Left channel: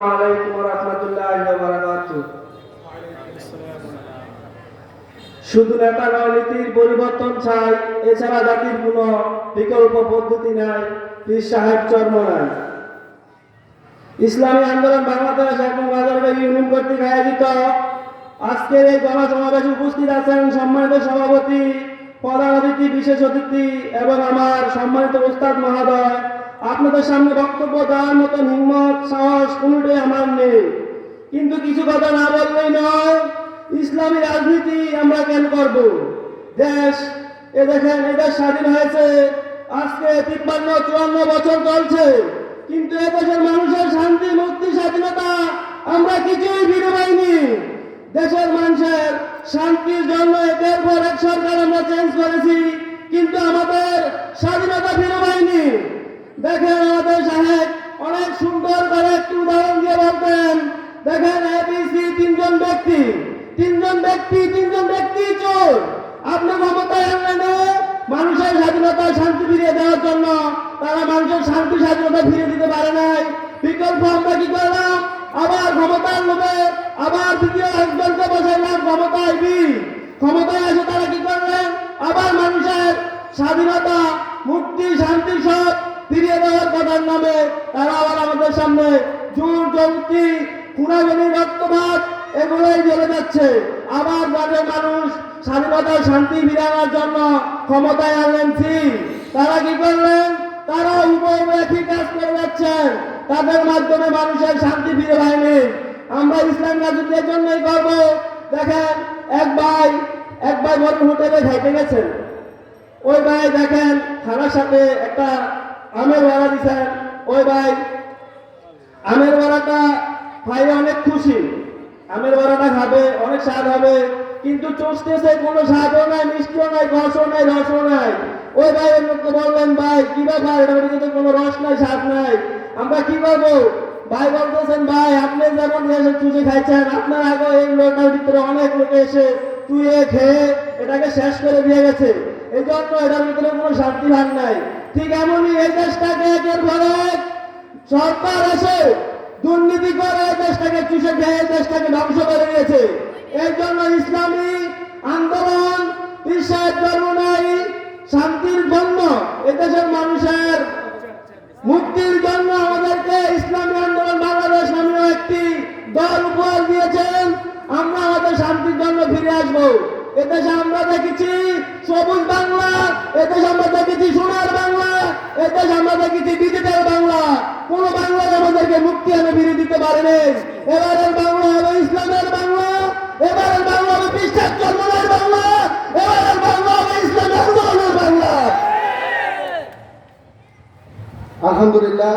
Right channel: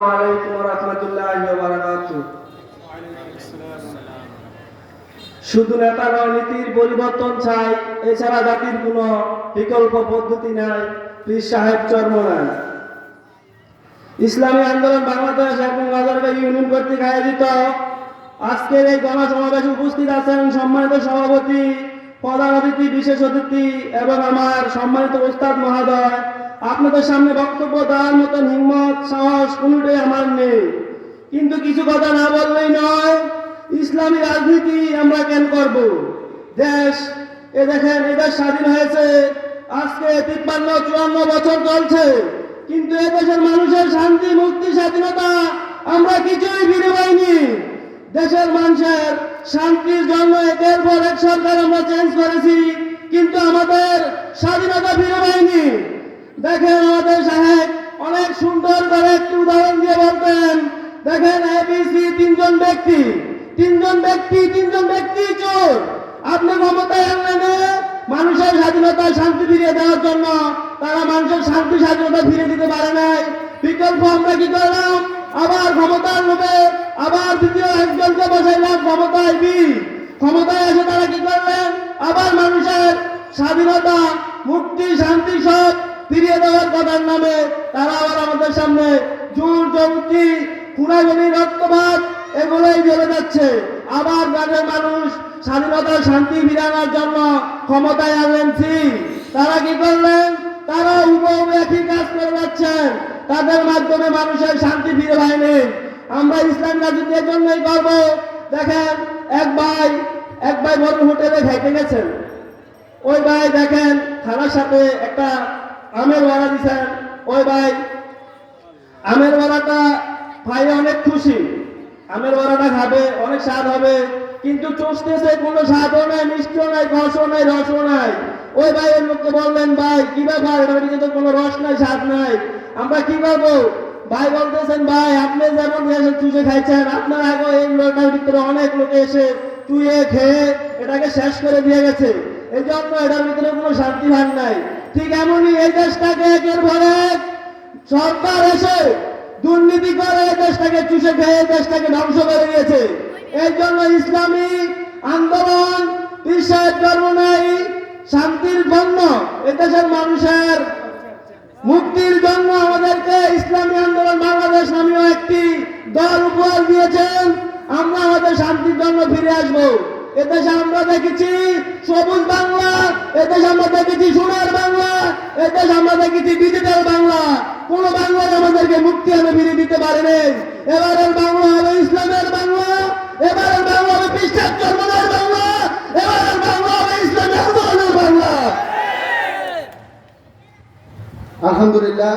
আলাইকুম ওয়া রাহমাতুল্লাহি ওয়া বারাকাতুহু। শুধু নেতা নীতির পরিবর্তন চাই, এছাড়া জাতির কোনো বিকল্প পদ্ধতি নাই। পীর সাহেব চরমনায় ইসলামী আন্দোলন বাংলাদেশ এবং রাজারবাগ ইউনিয়ন কর্তৃক আয়োজিত আজকের এই গণসমাবেশে উপস্থিত আছেন সম্মানিত সভাপতি, প্রধান অতিথি, বিশেষ অতিথি এবং আমার সম্মানিত ওস্তাদ মহোদয়। আপনাদের সামনে বক্তব্য দেওয়ার মতন হিম্মত, সাহস কোনোটাই আমার নেই, কিন্তু কিছু কথা না বললেই নয়। ইসলামী রাজনীতি আমরা কেন করব? দেখেন, এদেশ স্বাধীন হয়েছে আজকে 53-54 বছর চলছে, কিন্তু এদেশের মানুষের শান্তি, মুক্তি, স্বাধীনতা আমরা কিছুই ফিরে পাইনি। দেশের মানুষের শান্তির জন্য একের পর এক সরকার আমরা চেঞ্জ করেছি, কিন্তু আমাদের স্বাধীনতা ফিরে পাইনি। দেখেন, আমাদের সাহেব অনেক সুন্দর করে একটি উদাহরণ দিয়ে বলতেন, দেখেন এবিসি তিনজন ব্যক্তি চোর। আপনি ক্ষমতায় আনলেন মানুষের স্বাধীনতা, শান্তি ফিরিয়ে দেওয়ার জন্য, তারা মানুষের শান্তি, স্বাধীনতা ফিরে দিতে পারে নাই। বিকল্প আমরা কি করলাম? আবার ক্ষমতার লোভে আবার দ্বিতীয় একজনকে বসাইলাম ক্ষমতায় এসে তারা কি করলেন? আবার মানুষের স্বাধীনতা, মুক্তি, শান্তি সব ফিরিয়ে দেওয়ার কথার নামে তারা আবার আমাদের সামনে জোর জবরদস্তি, খুনাখুনি, রক্তপাত এগুলোই চলে যাচ্ছে। আবার গ্রামের মানুষ স্বাধীনতা, শান্তি ফিরানোর জন্য ক্ষমতায় আনলেন তারা কি করলেন? তারা একই কাজ করে যাচ্ছেন, তাদের মাধ্যমে মানুষের শান্তি ফিরে পায়নি। আমরা ইসলাম রাজনীতির জন্যই করব। দেখেন, এক ভাই বড় হোটেলে খাইতে গেছেন, ওই ভাই দেখেন খানার সাথে একটা আমের বড়া দিচ্ছেন। ওই ভাই আমের বড়াটা খাইয়ে অনেক খুশি, আমের বড়াটা খাবে, অনেক স্বাদ হবে, কিন্তু চষতেছে কোনো স্বাদও নাই, মিষ্টিও নাই, রসও নাই, ওই ভাই ওর লোককে বললেন, ভাই কি ব্যাপার, এটার কিন্তু কোনো রস নাই, স্বাদ নাই, আমরা কি করবো? ভাই বলতেছেন, ভাই আপনি যেমন এসে চুষে খাইছেন, আপনার আগে এই লোকটার ভিতরে অনেক লোকে এসে চুয়ে খেয়ে এটাকে শেষ করে দিয়ে গেছে, এই জন্য এটার ভিতরে কোনো শান্তি ভাগ নাই। ঠিক এমনই এই দেশটাকে একের পর এক সরকার এসে দুর্নীতি করে এই দেশটাকে চুষে খেয়ে দেশটাকে ধ্বংস করে দিয়েছে। এই জন্য ইসলামী আন্দোলন, পীর সাহেব চরমনাই শান্তির জন্য, এদেশের মানুষের মুক্তির জন্য আমাদেরকে ইসলামী আন্দোলন বাংলাদেশ নামীয় একটি দল উপহার দিয়েছেন। আমরা আমাদের শান্তির জন্য ফিরে আসবো। এদেশে আমরা দেখেছি সবুজ বাংলা, এদেশে আমরা দেখেছি সোনার বাংলা, এদেশে আমরা দেখেছি ডিজিটাল বাংলা। কোন বাংলায় আমাদেরকে মুক্তি এনে ফিরে দিতে পারেনি। এবারের বাংলা হবে ইসলামের বাংলা, এবারের বাংলা হবে পীর সাহেব চরমনাইয়ের বাংলা, এবারের বাংলা হবে ইসলামী আন্দোলনের বাংলা। আলহামদুলিল্লাহ।